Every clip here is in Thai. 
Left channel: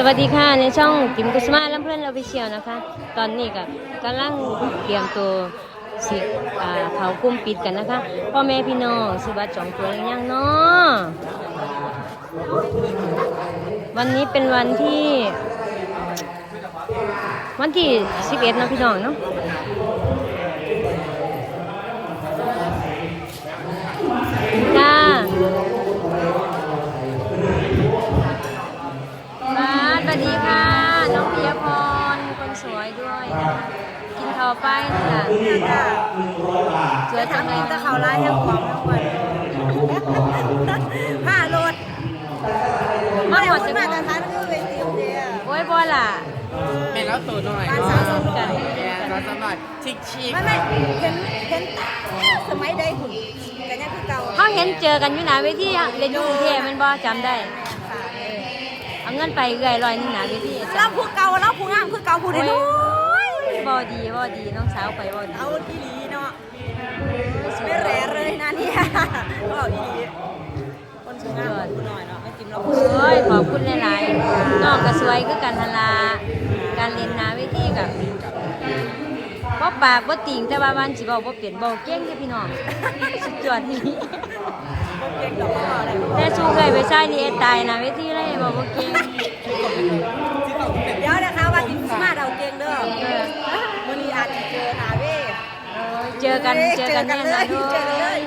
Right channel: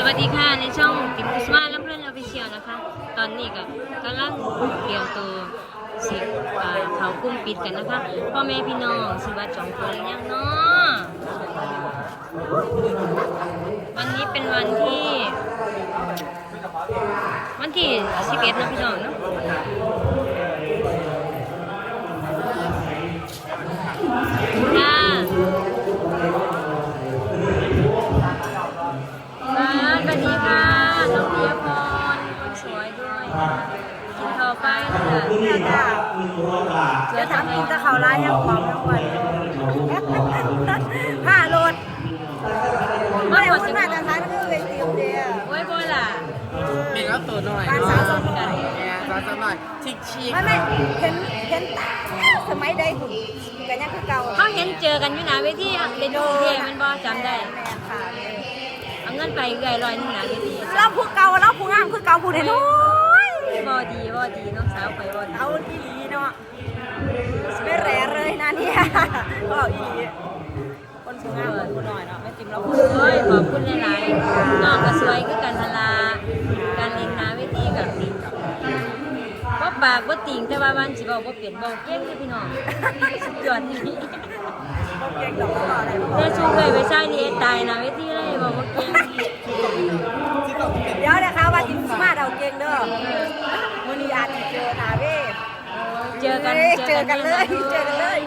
สวัสดีค่ะในช่องกิมกุสมาลำเพื่อนเราไปเชียวนะคะ ตอนนี้ก็กำลังเตรียมตัวสิอ่าเขากุ้มปิดกันนะคะพ่อแม่พี่น้องสิบัตรจองตัวยังเนาะวันนี้เป็นวันที่ วันที่11เนาะพี่น้องเนาะ เนี่ยค่ะเดี๋ยวทำกินแตะเขาไล่ทั้งความทั้งวันผ้าโลดมาไม่หมได้ดพูดจะมาแต่ท้ายมันคือเวทีเดียวโอ้ยบ่ล่ะเป็นแล้วตัวหน่อยการสาวสองหน่อยเนี่ยเราจะหน่อยชิคชิคไม่ไม่เห็นเห็นแต่สมัยใดหุ่นกันยังคือเก่าเขาเห็นเจอกันอยู่หนาเวทีอะเป็นกรุงเทพมันบ่จำได้แม่ค่ะเอาเงินไปเอื่อยลอยหนาเวทีเราผู้เก่าเราผู้งามคือเก่าผู้เดียวน้อย บ่ดีบ่ดีน้องสาวไปบ่ดีเอาอีหลีเนาะไม่แร่เลยนะเนี่ยก็อีหลีคนผู้งามคนผู้น้อยเนาะไม่จิ้มเราผู้โอ้ยขอบคุณหลายๆน้องก็สวยคือกันทันลาการเล่นหนาเวทีกับบ่ปากบ่ติ่งแต่ว่าวันสิเว้าบ่เปลี่ยนบ่เก่งเด้อพี่น้องสุดยอดนี่พวกเก่งดอกก็อะไรพวกแต่สู้เคยไปใช้นี่ตายหนาเวทีเลยบ่บ่เก่งเดี๋ยวนะคะว่าจิ้มมาเดาเก่งเด้อวันนี้ อาจจะเจอหนาเว้ยเจอกันเจอกันเลยแน่นอนเจอกันเลย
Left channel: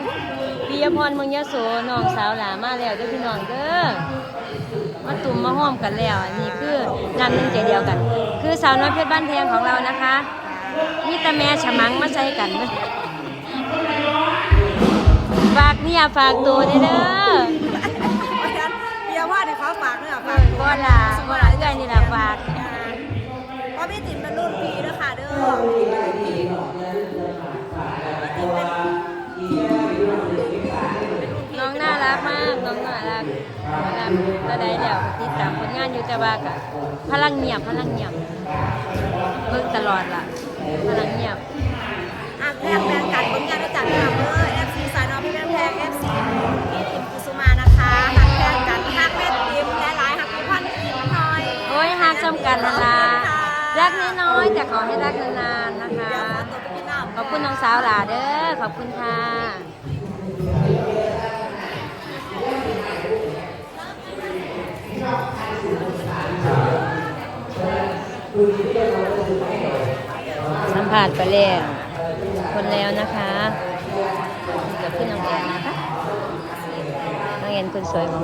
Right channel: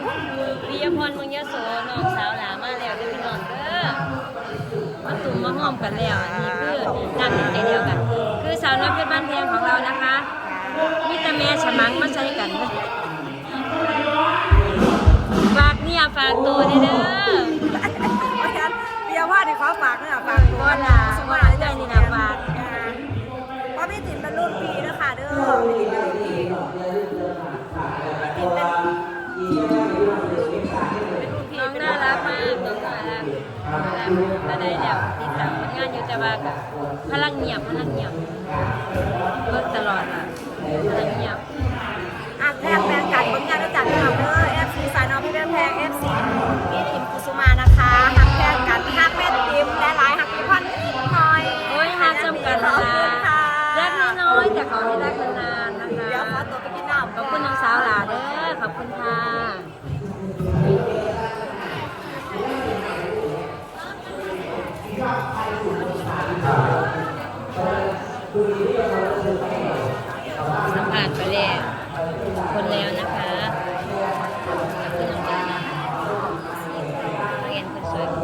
ปิยพรเมืองยโสน้องสาวหลามาแล้วเด้วยพี่น้องเด้อมาตุ่มมาห้อมกันแล้วอันนี้คือนางใจเดียวกัน คือสาวน้อยเพชรบ้านแพงของเรานะคะนี่ตาแม่ฉมังมาใจกันเด้อฝากเนี่ยฝากตัวเด้อเด้อเพราะฉะนั้นเบียร์ว่าในขอฝากเนี่ยฝากบ่ล่ เด้อพี่ติ๋มเป็นพี่ติ๋มเป็นเป็นรุ่นพี่น้องน่ารักมากน้องน่ารักก็ได้แล้วติดตามผลงานอยู่แต่ว่าก็พลังเงียบพลังเงียบเบิ่งตลอดล่ะพลังเงียบาวหลาเด้อขอบคุณค่ะสัมผัสไปแล้วคนแล้วนะคะขอบคุณน้องแอนนะคะน้องแอนคนสวย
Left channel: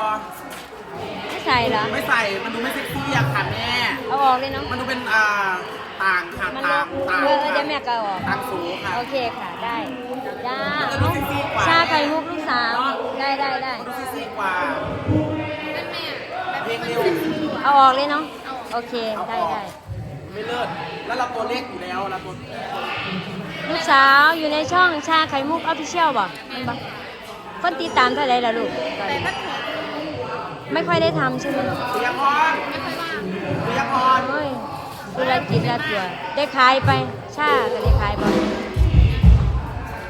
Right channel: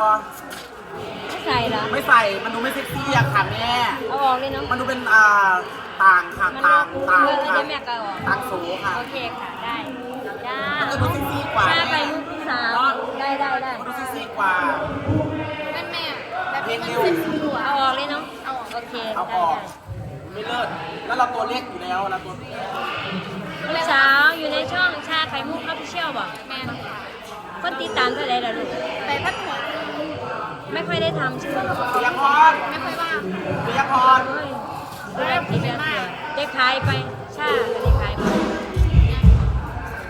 ได้บอไม่ใส่เหรอ ไม่ใส่มันดูไม่เซ็กซี่อะค่ะแม่เอาออกเลยเนาะ มันดูเป็นอ่าต่างค่ะมันต่างต่างเออค่ะเดี๋ยวแม่ก็เอาออก ต่างสูงค่ะโอเคค่ะได้ได้มันจะดูเซ็กซี่กว่าชาไข่มุกลูกสาว ได้ได้ได้เซ็กซี่กว่าแบบนี้มันเซ็กซี่กว่าเอาออกเลยเนาะ โอเคได้ได้ ไม่เลิศแล้วเราตัวเล็กอยู่แล้วนะตัวลูกสาวอยู่ในช่องชาไข่มุกออฟฟิเชียลบ่บ่คนติดตามเท่าไหร่ล่ะลูก แต่พัดหก ไม่ค่อยได้ทำใช่ไหมเตียงพรไม่ค่อยว่างเตียงพรเฮ้ยดูแลกินยาตัวได้ขายไปชาก็ได้ขายไป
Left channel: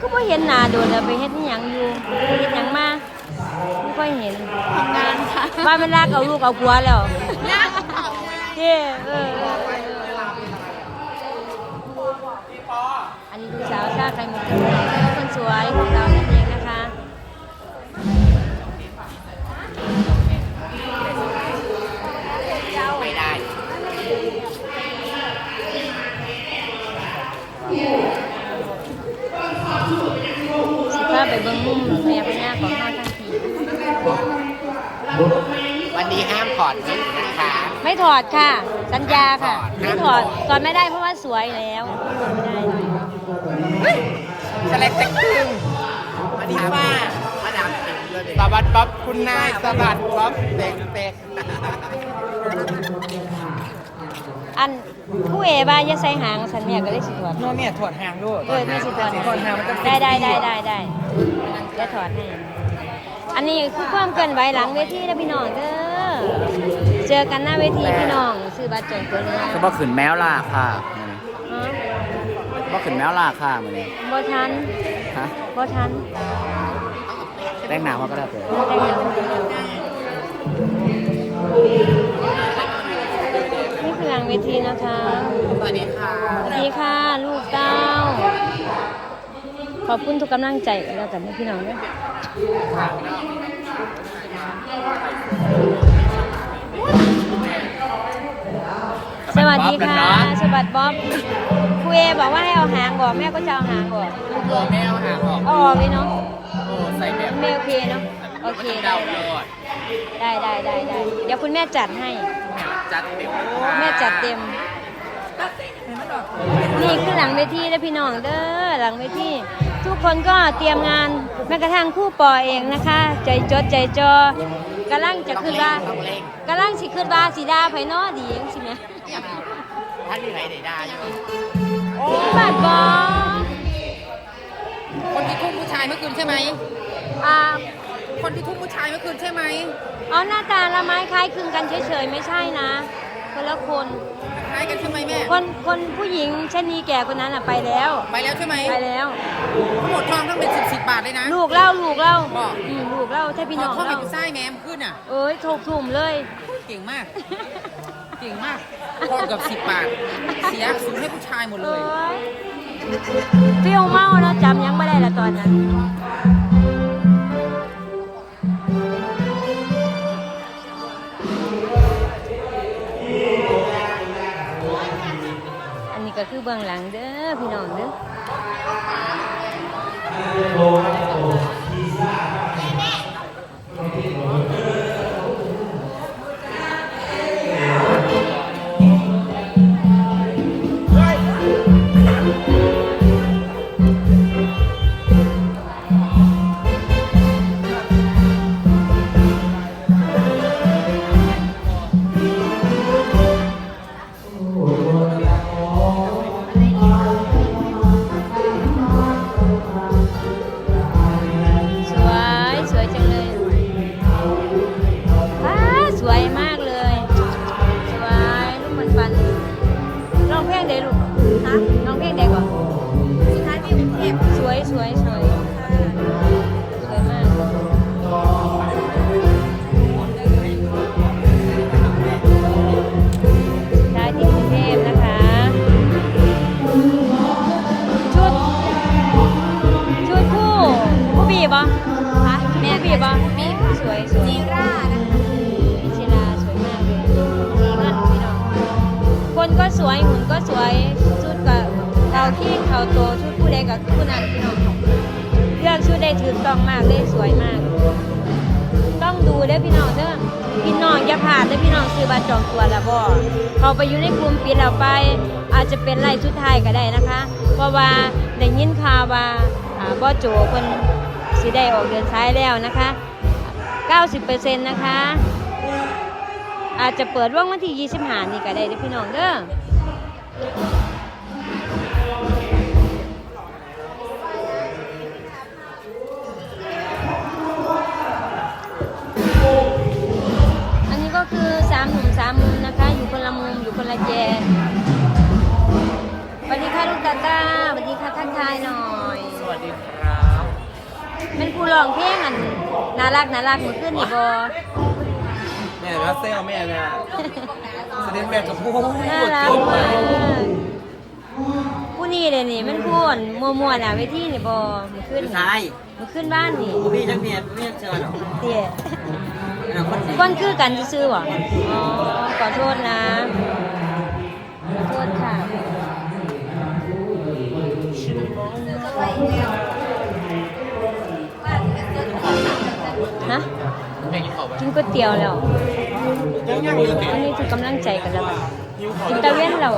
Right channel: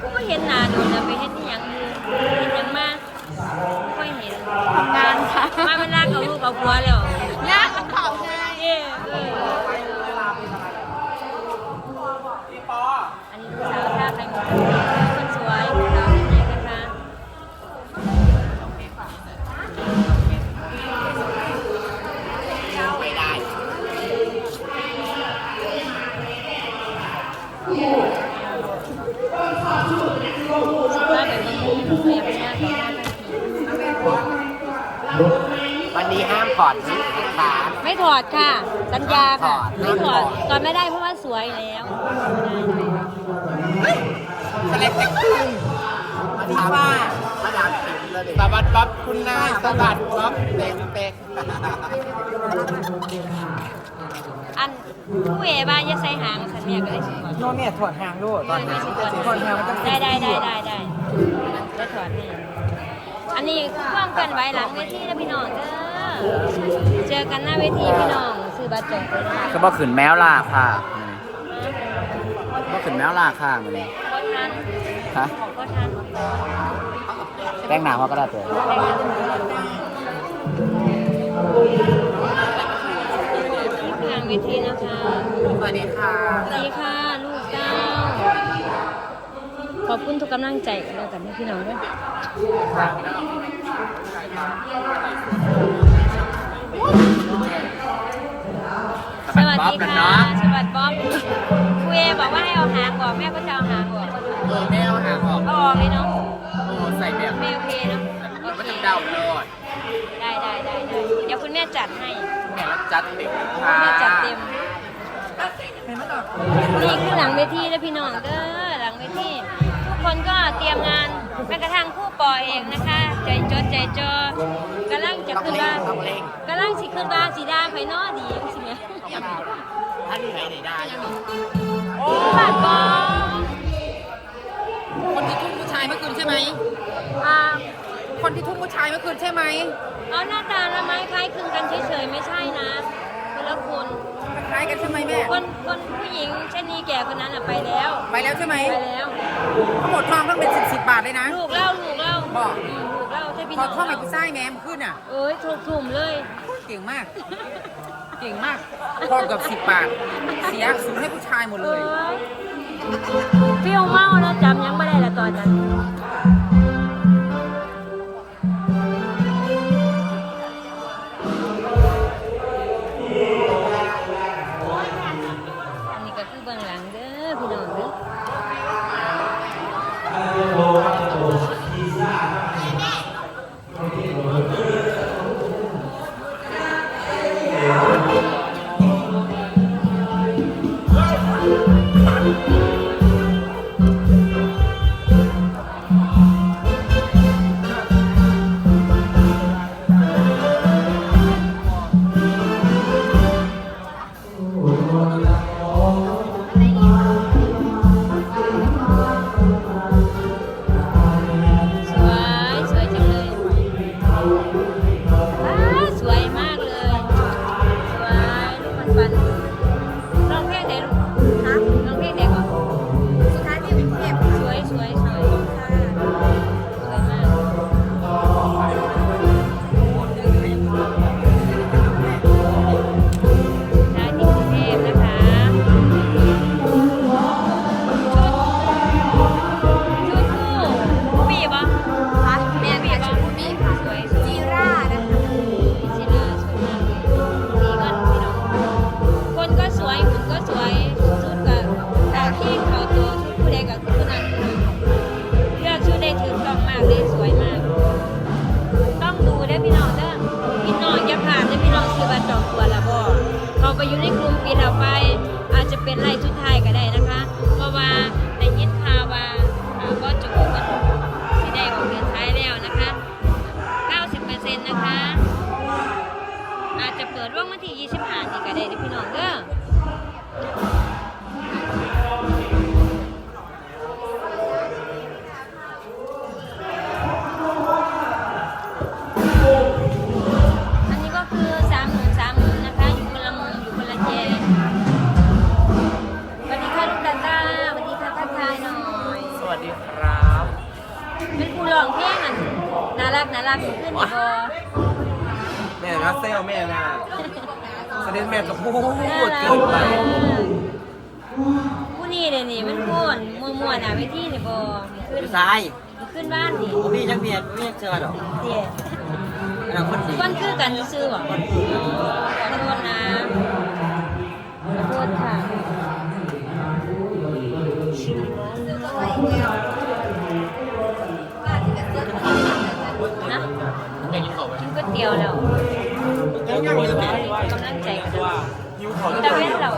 ก็ไม่เห็นหน้าโดนแล้วไปเฮ็ดอิหยังอยู่เฮ็ดหยังมาไม่ค่อยเห็นทำงานค่ะว่ามันลากเอาลูกเอาผัวแล้วงานเผาไงเย่เออ ดค่ะ สัญญาค่ะ ไม่ถอดถอดไม่ได้เพราะว่าสวยแล้วไม่ได้ทะเลเต็กตึงมาดีว่ามาดามตึงเลยสวัสดีครับคุณนายสวัสดีครับเด็กเด็กอันผู้เอ๋บ้าอย่าใส่หางสันแม่ก็เลยสิถอดโน่นเนี่ยถอดหางด้วยเออแม่สิถอดถอดหางมันจะได้ได้ได้ได้ได้ได้ถอดให้อันนี้คือความเคลื่อนไหวหลังเวทีแล้วพี่น้องเด้อ เจอกันหน้าเวทีพี่น้องซื้อบัตรจองตัวนะก็บ่ขึ้นแมวล่าค่ะบ่ขึ้นแมวล่าค่ะมื้อนี้บ่ทันฮะบ่ทันแต่งหน้าว่าก็ได้เด้อนี่คือหลังเวทีนะคะสวัสดีค่ะสวัสดีค่ะลูกเต้า ขอบคุณทุกกำลังใจกันแล้วกันนะพี่น้องเด้วย สวัสดีค่ะสวัสดีบ๊อบคุยบอกว่าให้เอาหางออกแม่ก็จะเอาหางออกเออแม่เอาหางออกเอาออกเลยเนาะโอ้ใส่แบบไม่โอเคเนาะโอมันเคจะเดาตลอดได้ได้ได้ได้เดี๋ยวคุณแม่จัดให้แม่รับจัดเต็มค่ะแม่จัดเต็มนี่คือหลังเวทีแล้วพี่น้องเด้อหลังเวทีทุกคนก็เตรียมงาน แม้กระทั่งคู่ปอเองนะคะ ใจจดใจจอกำลังจะขึ้นว่ากำลังสิขึ้นว่าสีดาไผเนอดีจังสิแม่ท่านมีไหนไหนได้อยู่โอ้มากอคนที่ทุ่มผู้ชายเมื่อคืนใช่ไหมอ่าคนที่ทุ่มผู้ชายเมื่อคืนใช่ไหมเอาหน้าตาละไม้คล้ายคลึงกันเฉยๆไม่ใช่นะคนละคน คล้ายกันใช่ไหมแม่ คนคนผู้หญิงชะนีแก่คนนั้นอะไปแล้ว ไปแล้วใช่ไหมไปแล้ว ทั้งหมดทองต้องเป็นสิบสิบบาทเลยนะ ลูกเล่าลูกเล่าบอกอืมลูกเล่าใช่พี่พน้อองท่องให้เล่าผู้ชายแม่เมื่อคืนน่ะเอ้ยถูกถุ่มเลย เก่งมาก เก่งมากทองกับสิบบาท เสียสูญให้ผู้ชายหมดเอเลยอเปรี้ยวเมาแล้วจำยังไม่ได้ละตอนนั้น เบื้องหลังเด้อพี่น้องเด้อ ซื้อบัตรจองตัวแล้วบ่เขาไปอยู่ในกลุ่มปิดเราไป อาจจะเป็นไล่ชุดไทายก็ได้นะคะ เพราะว่าในยินข่าวว่าอ่าบ่โจเพิ่นสิได้ออกเดินท้ายแล้วนะคะ 90%นะคะ อาจจะเปิดว่างวันที่ 25 นี่ก็ได้นะพี่น้องเด้อ วัสดีครับเป็นผู้ร้องเพลงอันน่ารักน่ารักเหมือนขึ้นอีกบอแม่นะเซลแม่นะประเด็นแม่กับพูดน่ารักเกินไปมากผู้นี้เลยนี่มันพูนมัวมัวๆน่ะเวทีนี่บอมันขึ้นชายมันขึ้นบ้านนี่พี่จังเมียพี่จังเจอหรอเตี๋ยนะคนดีก้อนคือกันซื้อๆหรออ๋อขอโทษนะขอโทษค่ะ นะแม่กินข้าวไหมกินก๋วยเตี๋ยวแล้วยังยังอยู่อันนี้คือกำลังใจกันแล้วยิ้วข้าวตะเวนเรา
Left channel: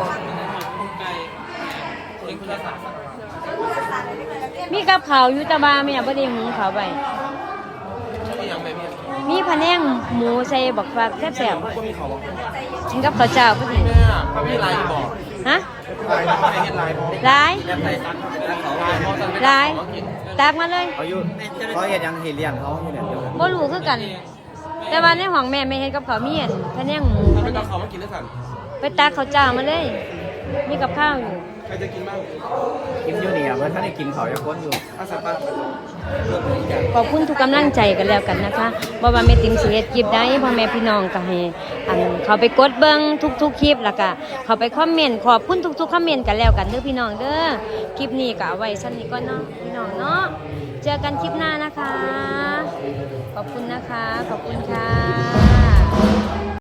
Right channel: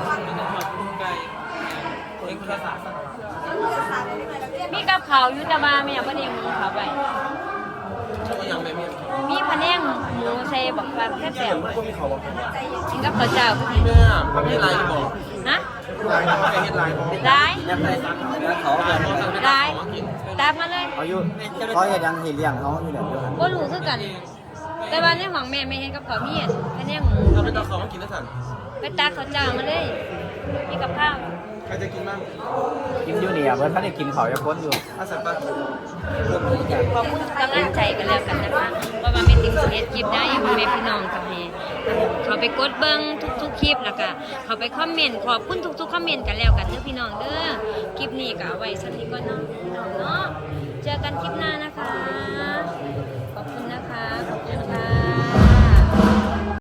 เองแค่สามมีกับเขาวอยู่แตะบาไม่อยากประเดี๋ยวหมูเขาวไปนี่ยังแม่เมียมีพะแนงหมูใส่บักฟักแซ่บเสียงก็มีเขาบอกๆกินกับข้าวเจ้าพวกนี้แม่ไม่มีลายบอกฮะ ลายบอกไม่มีลายบอกร้ายยังไงนั่นเขาเรียนไปร้ายตากมาเลยเขาอยู่เขาเห็นยังเห็นเลี้ยงเขาเห็นเลี้ยงอยู่บ่รู้คือกัน แต่ว่าในห้องแม่ไม่เฮ็ดกับข้าวมีอันพะแนงหมูเป็นตะเขามากินด้วยกันไปตากข้าวเจ้ามาเลย มีกับข้าวอยู่ใค รจะกินบ้างกินอยู่เนี่ยเพื่อนท่านได้กินเขาจะค้นอยู่อาสัตว์ปะขอบคุณทุกกำลังใจกันแล้วกันนะคะว่าว่าแม่ติมสิเฮ็ดคลิปได้พ่อแม่พี่น้องก็ให้อันเขาไปกดเบิ่งทุกๆคลิปแล้วก็เขาไปคอมเมนต์ขอบคุณทุกๆคอมเมนต์กันแล้วกันเด้อพี่น้องเด้อคลิปนี้ก็เอาไว้ชั้นนี้ก่อนเนาะพี่น้องเนาะเจอกันคลิปหน้านะคะ ขอบคุณนะคะ ขอบคุณค่ะ